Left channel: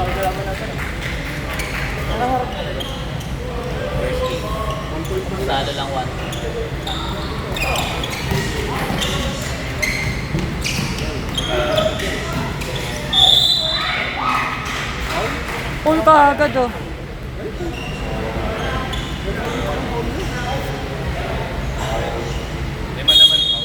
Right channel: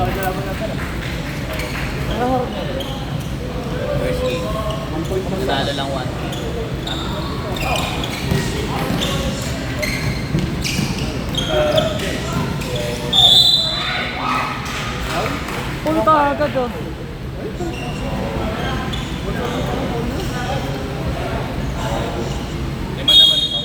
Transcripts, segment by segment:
Salo lang 1. Uy, agad oh. Lima naman ito.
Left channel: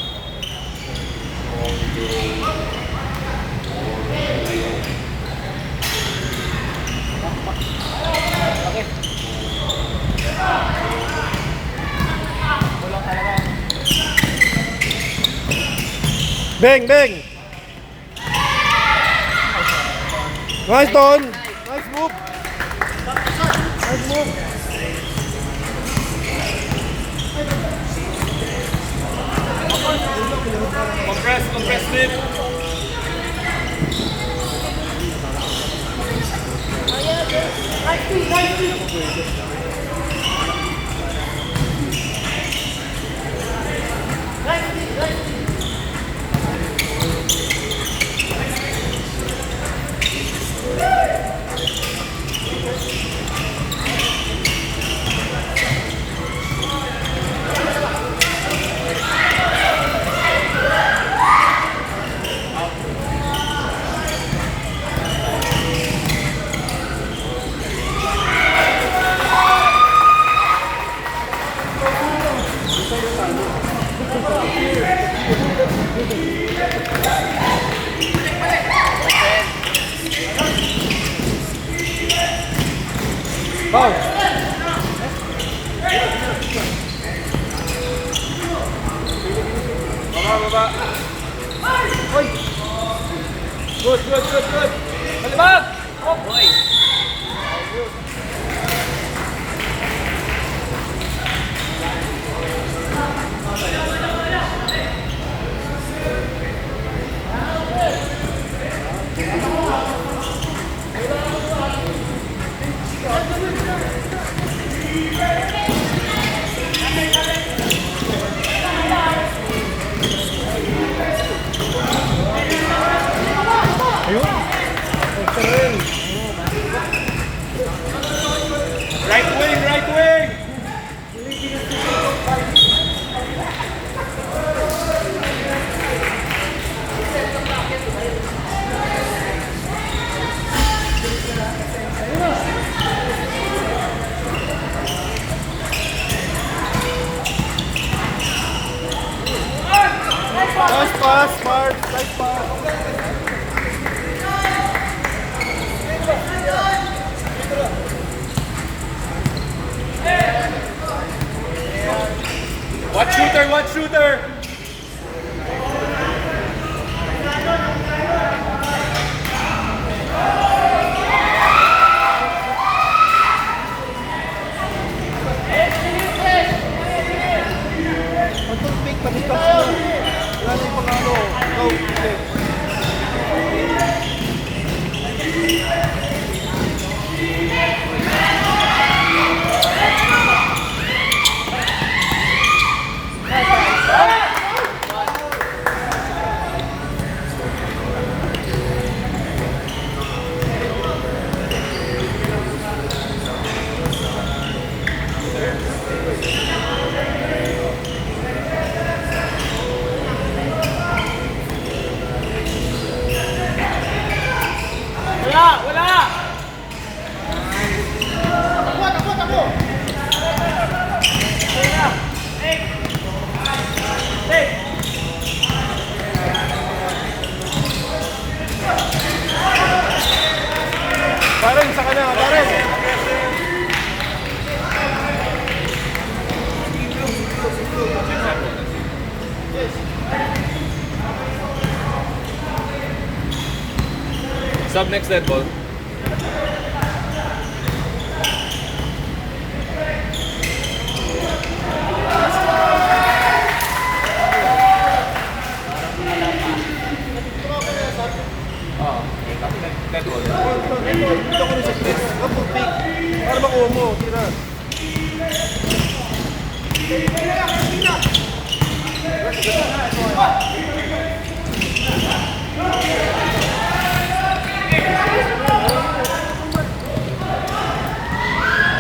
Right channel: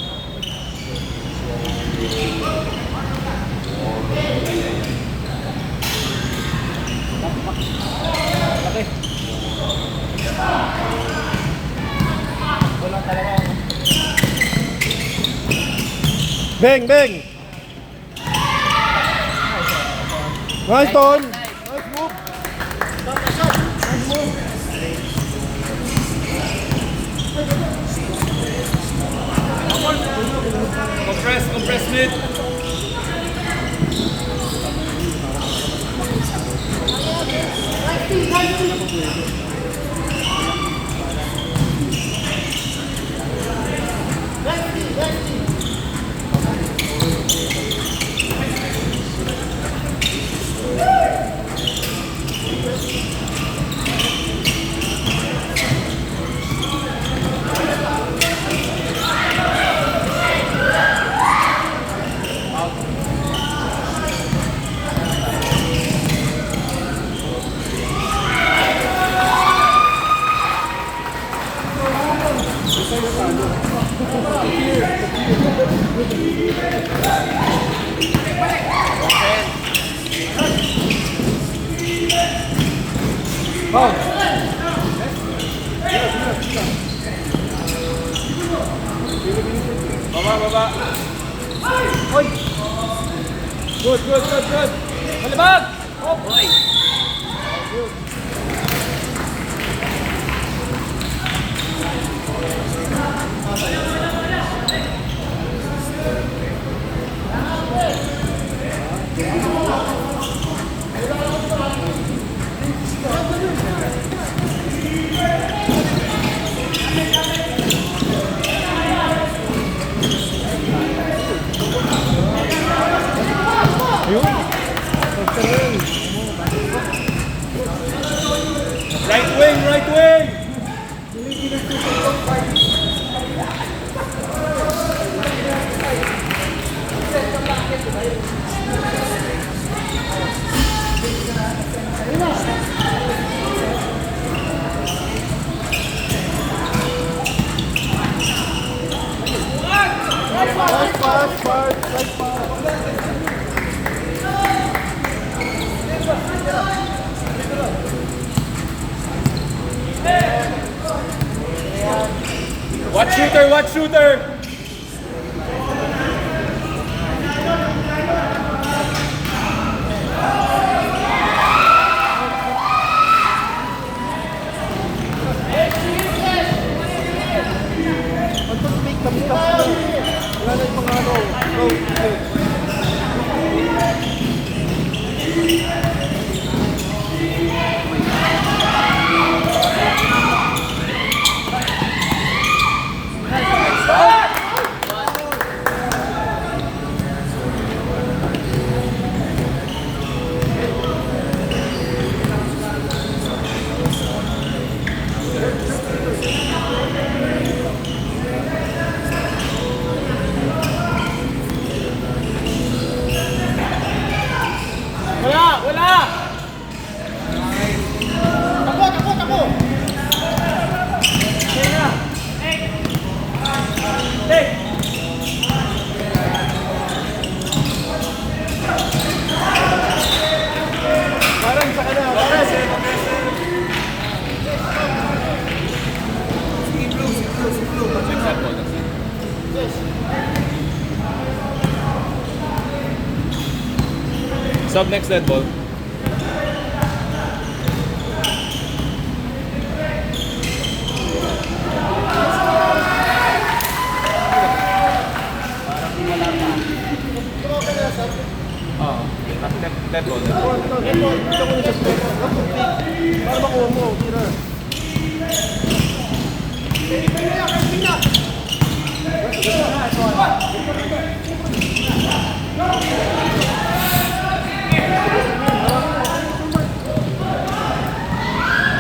Beng, beng. Nice, Ton. Compress mid. Good. Malibag! Oh, boy! Right wing! Watch shooter! Sub next dead ball. Dead ball.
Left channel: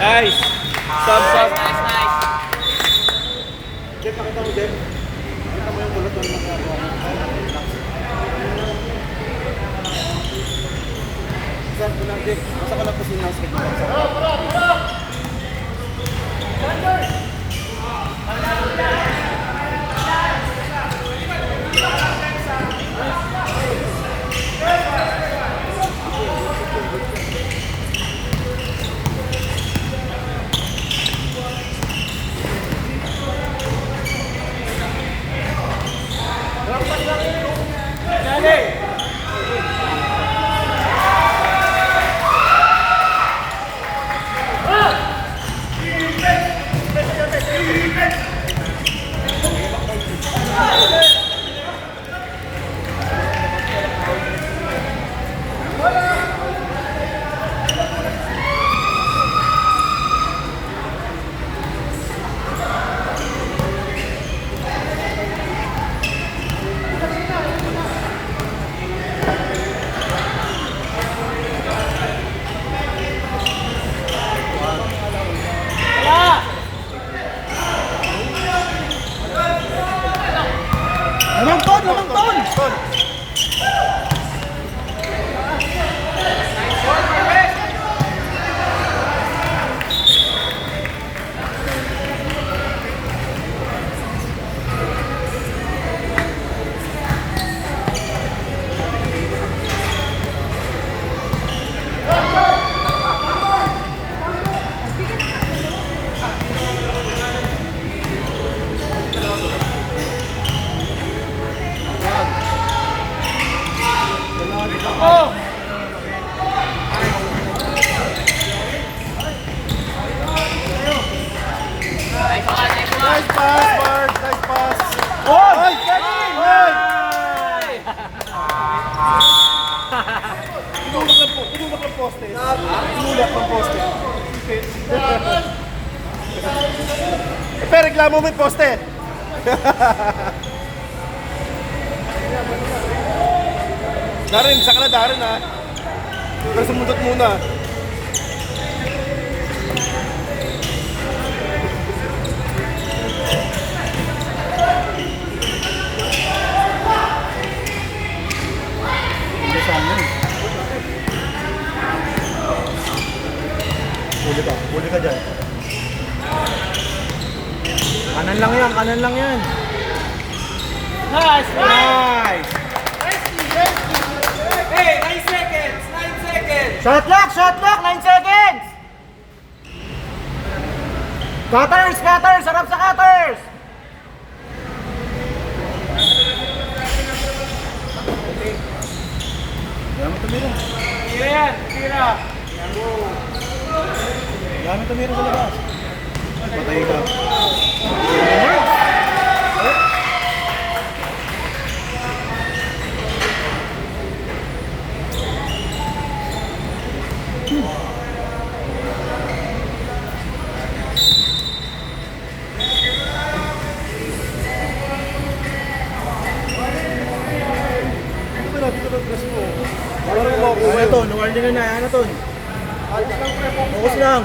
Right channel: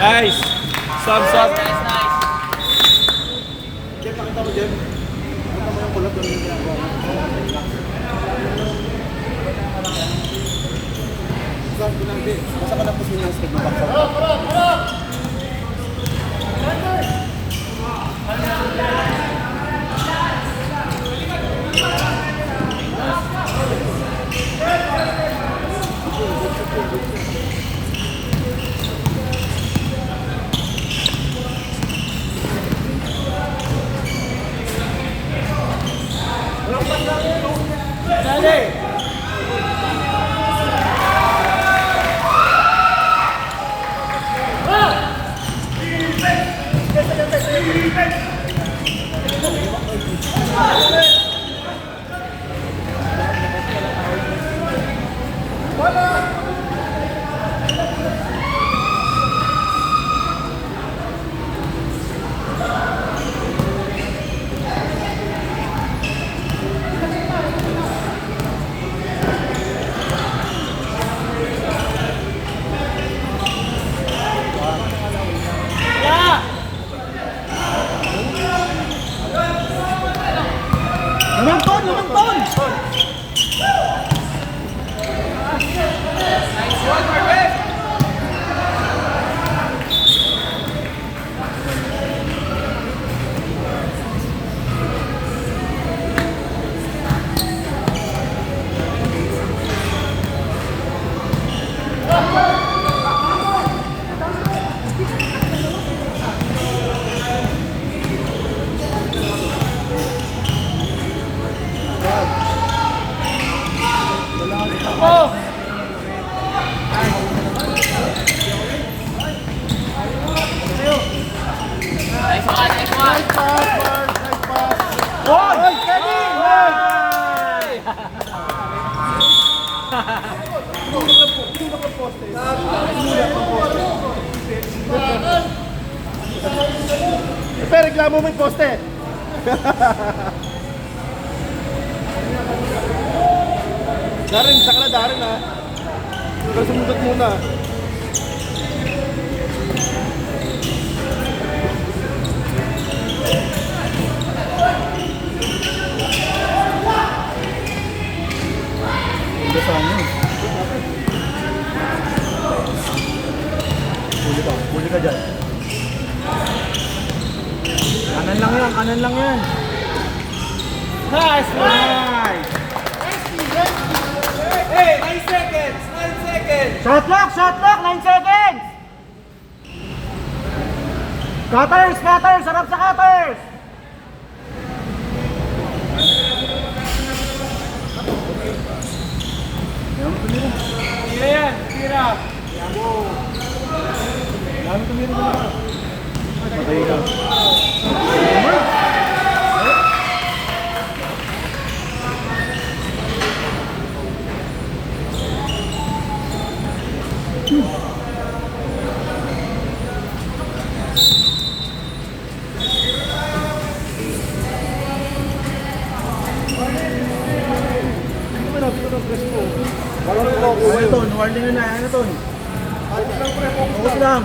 Nice. Sub, sub. Nice, nice. Nice one, nice one. Pero reklamo mo yung poste. Darin, saka na Darin ha. Pero sumundot muna. Ito sa ano eh. Pwede ka dyan. Kanan lang yan. Nice! Nice! Hey, 9 seconds! 9 seconds! Shot lock! 9 seconds! Cutters! Sarap sa cutters! Tira yan! Tira! Dami tumira sa labas. Okay ka. Warning na, ano to? Focus lang.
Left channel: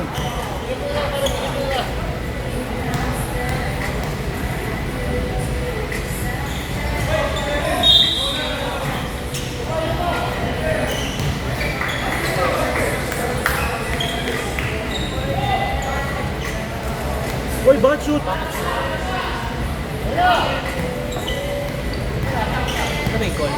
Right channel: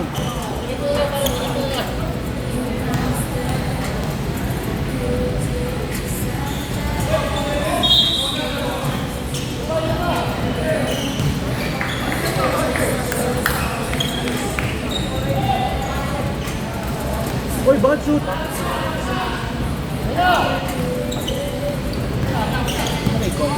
Uy, bakit shoot? May goal.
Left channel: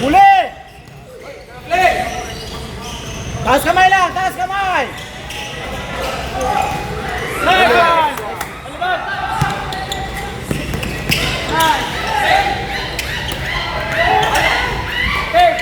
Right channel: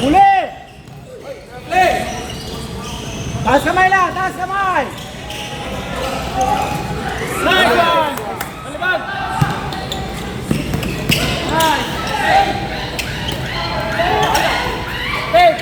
Huli! Taas kamay lang! Taas kamay! Laban! Malibag! Nice! Hey!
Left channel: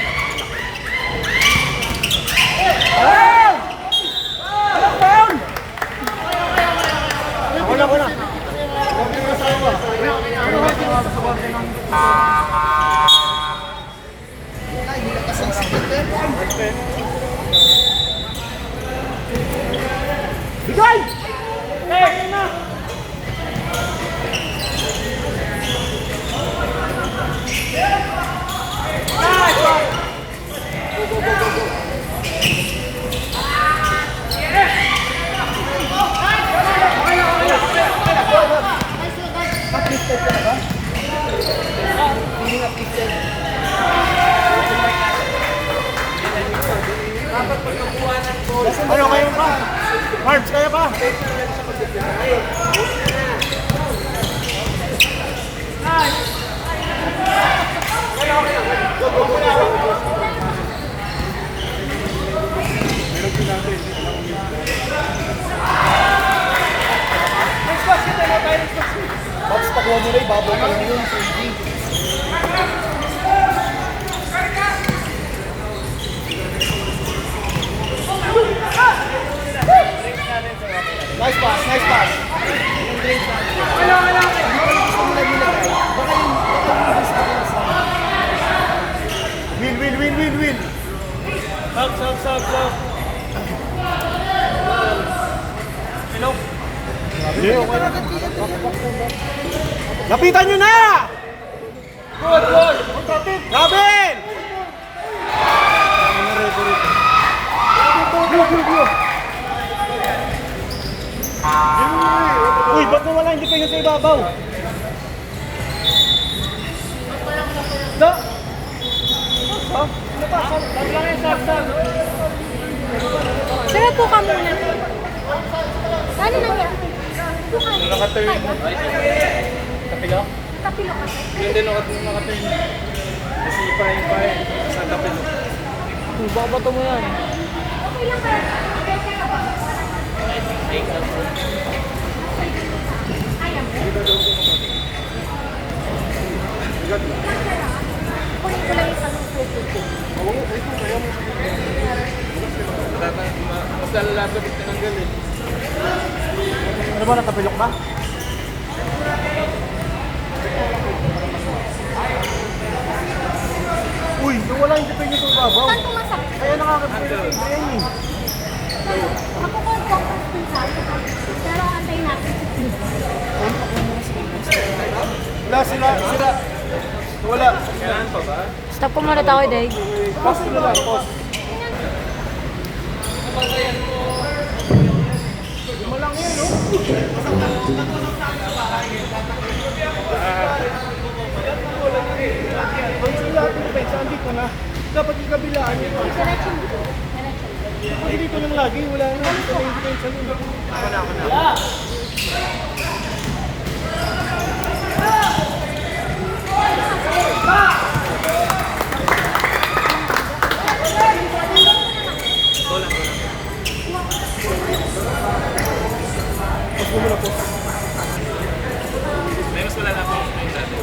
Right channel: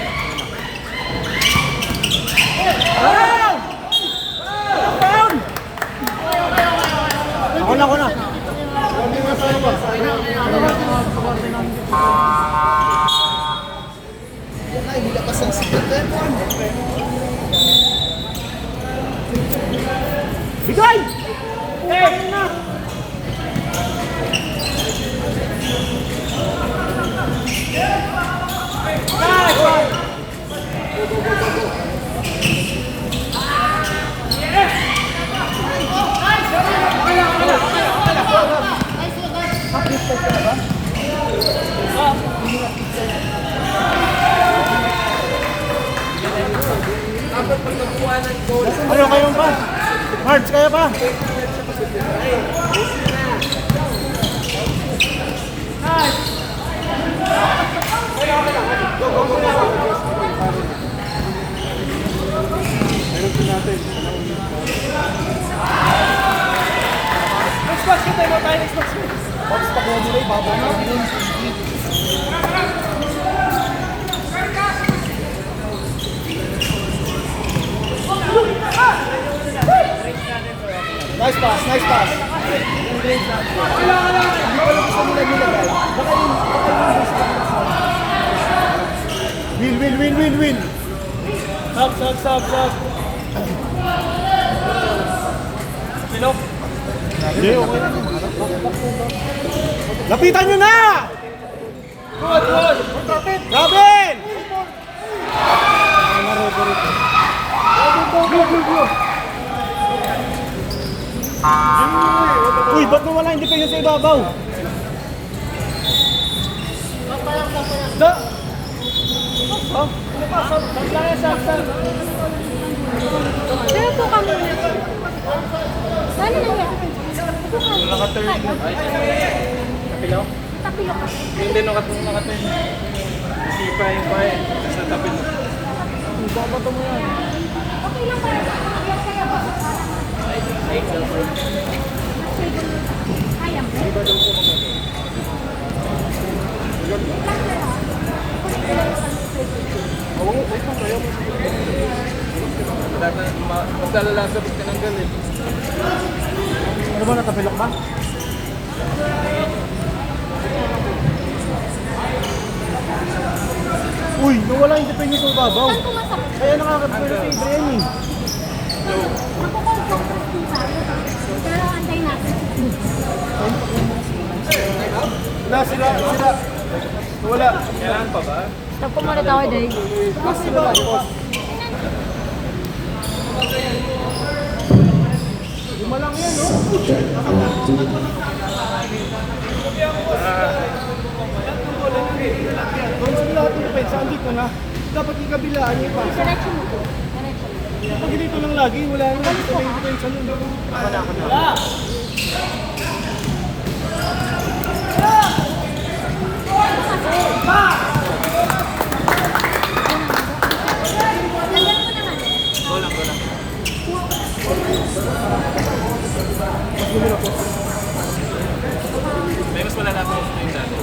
Ano, kayo pa? Marge, kaya pa? Meron po natin. Kailangan ulit Pops, pag wala nila, ibabalik na yun. Nice pass, nice pass. Yung grade natin. Hindi pa yung gusto nila nilagay. Baka yung gusto nila. Win. Stop. Hello? Hindi, okay lang. Lapitan nyo na! Good. Robin! Uy, ba't nawala? Hindi pa yun sa ibabaw. Pero po kami na. Ano nangyari? Po kami. Nakaturn mo. Kapilo? Tapilo ka. Yun din nakaturn. Isipa yung bayan. Sa kapilo. Babato mo yan. Okay lang kayo. Kaya kaya ba? Kaya mo? Di ba daw po magato? Wait lang, kaya mo. Mas lalala sa pag tinanggal eh. Ano ba, natapilok ba? Uy, nawala yung depende sa ibabaw. Ano masakit? Kaya nakakapilok yung bayan eh. Nakukonfocus din sa akin. Pero antay natin. Sila. Wala. Kailangan pa ba? Stop po mara tao day. Post nila lang, post. Lima lang yan, no? Kung ano lahat ng pets, andito na. Dapat ikabilaan niya pa. Diretso mo po. Diretso mo. Kapag dito lang lagi, wala nang dito na yung potential yun. Ako na. May mas wala na ako yung dati.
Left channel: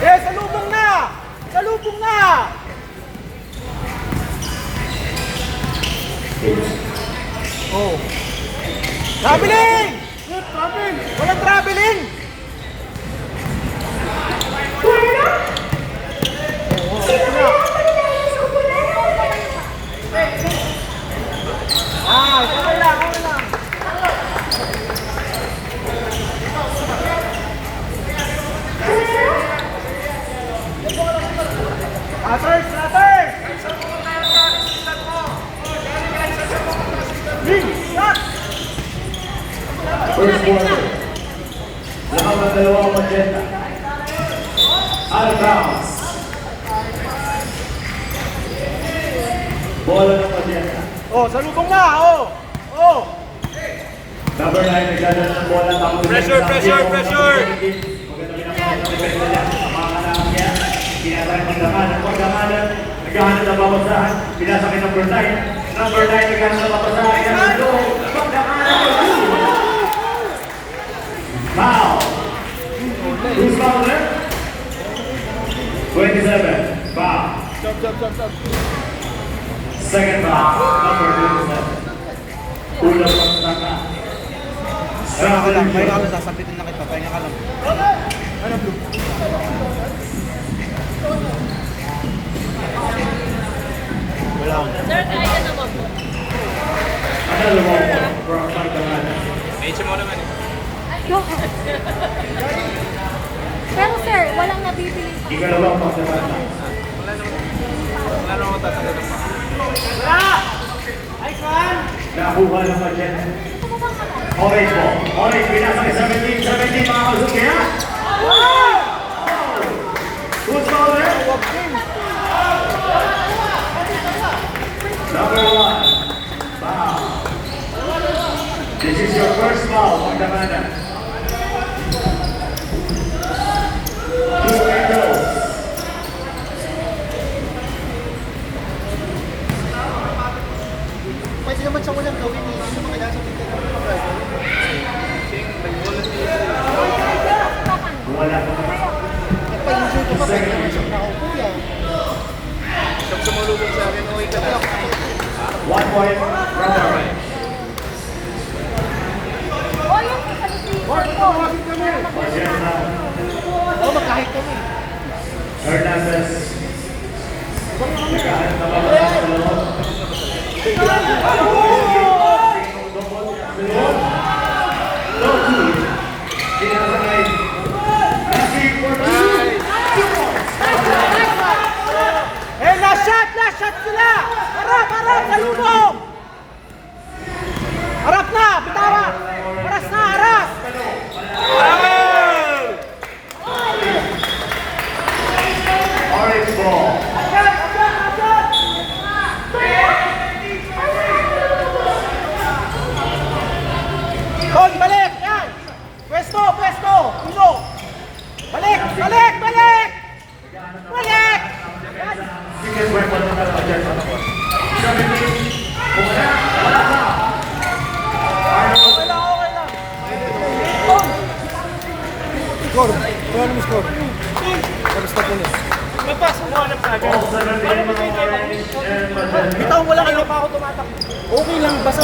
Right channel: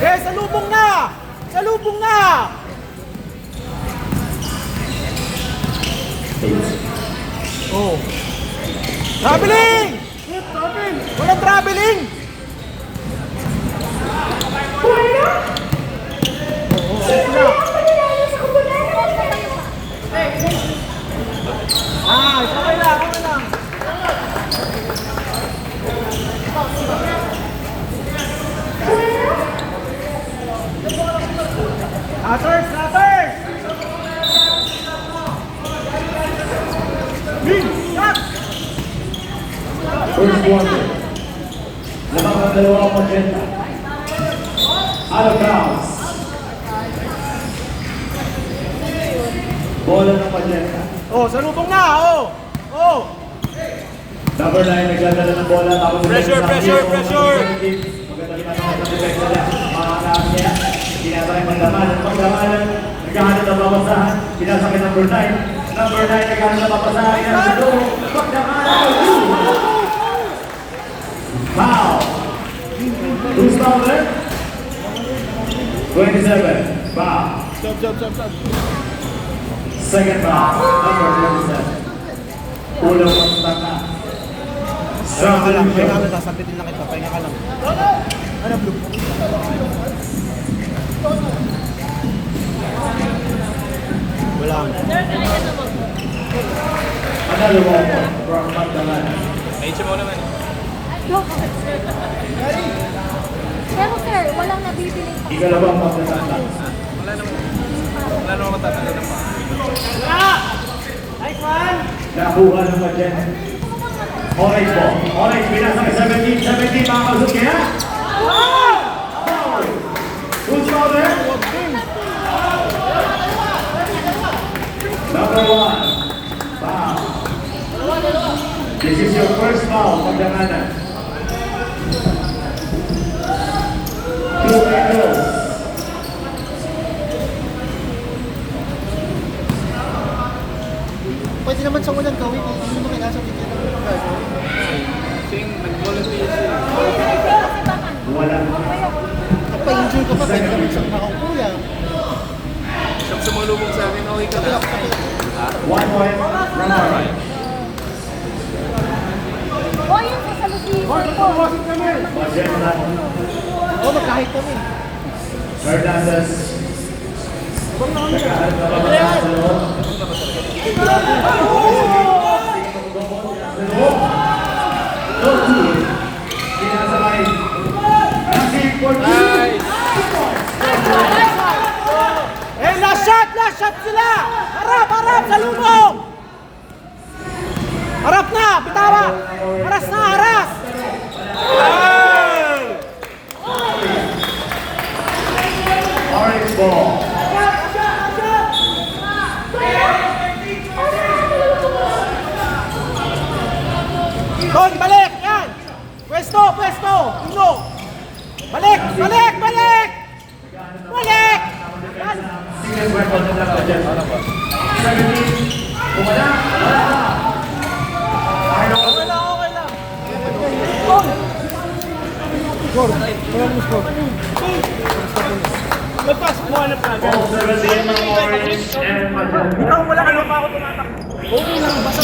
Salubong na! Salubong na! Oh. Traveling! Travel! Walang traveling! Aters! First quarter. Lamang ng dalawang magenta. Out of bounds. Bola ng magenta. Oh, salubong na! Oh! Number 9 nagdadala ng bola. Pressure! Maganda ginagawa ng defense niya. Mga anak niya. Ginagawa ng laman. Pagdamalan. Naghahanap ng babasahan. Pinasakit number 9. Number 9 naghahanap ng babasahan. Pagdamalan. Foul. Who's foul there? 27. Foul. Jump. Second foul. Number 27. Ulang pagstaka. Pahinga ka lang, sasabitin na kita, pahinga ka lang. Ano, blue? Wala. Another ball from Magdalena. May mo naman eh. Pero sir, walang nabibili pa. Ikalawang pagstaka. Wala naman matatanggal ng paa. Nice one! Nakuha ng Pachen. Orange ball. Orange, pinasa kay 17, mga Kazuki, ha? Who's over there? Number 1. Foul. This is your first foul, Magdamana. 2 free throws. Pwede naman sa walang gawin eh. Hindi mo kailangan sa bigyan. Wala. Pag-enjoy ko pa tayo naman sa mga kuya. Pag sumulubog sa akin, okay ka na. 1 point, number 5. O, yung kasalusuan ko. Pachen na. Oo, magkahit kami. Hernandez. Nagkaharap na babasa sa loob. No good. Pinasakay. Nasib for two. Eh, last shot sila! Harap, sa lubong! Harap na, bitawa! Haras na, haras! Orange ball. Don, balik! Yan! Pwesto! Ulo! Balik! Balik! Single weapon na lang dyan. 17. Bumala. Wala na. Arnold. Magpas, kumanap ka dyan. Ball 17, mga Orange and Pachen. Ikaw mo lang, iba pa ako tumatak. Okay lang, basta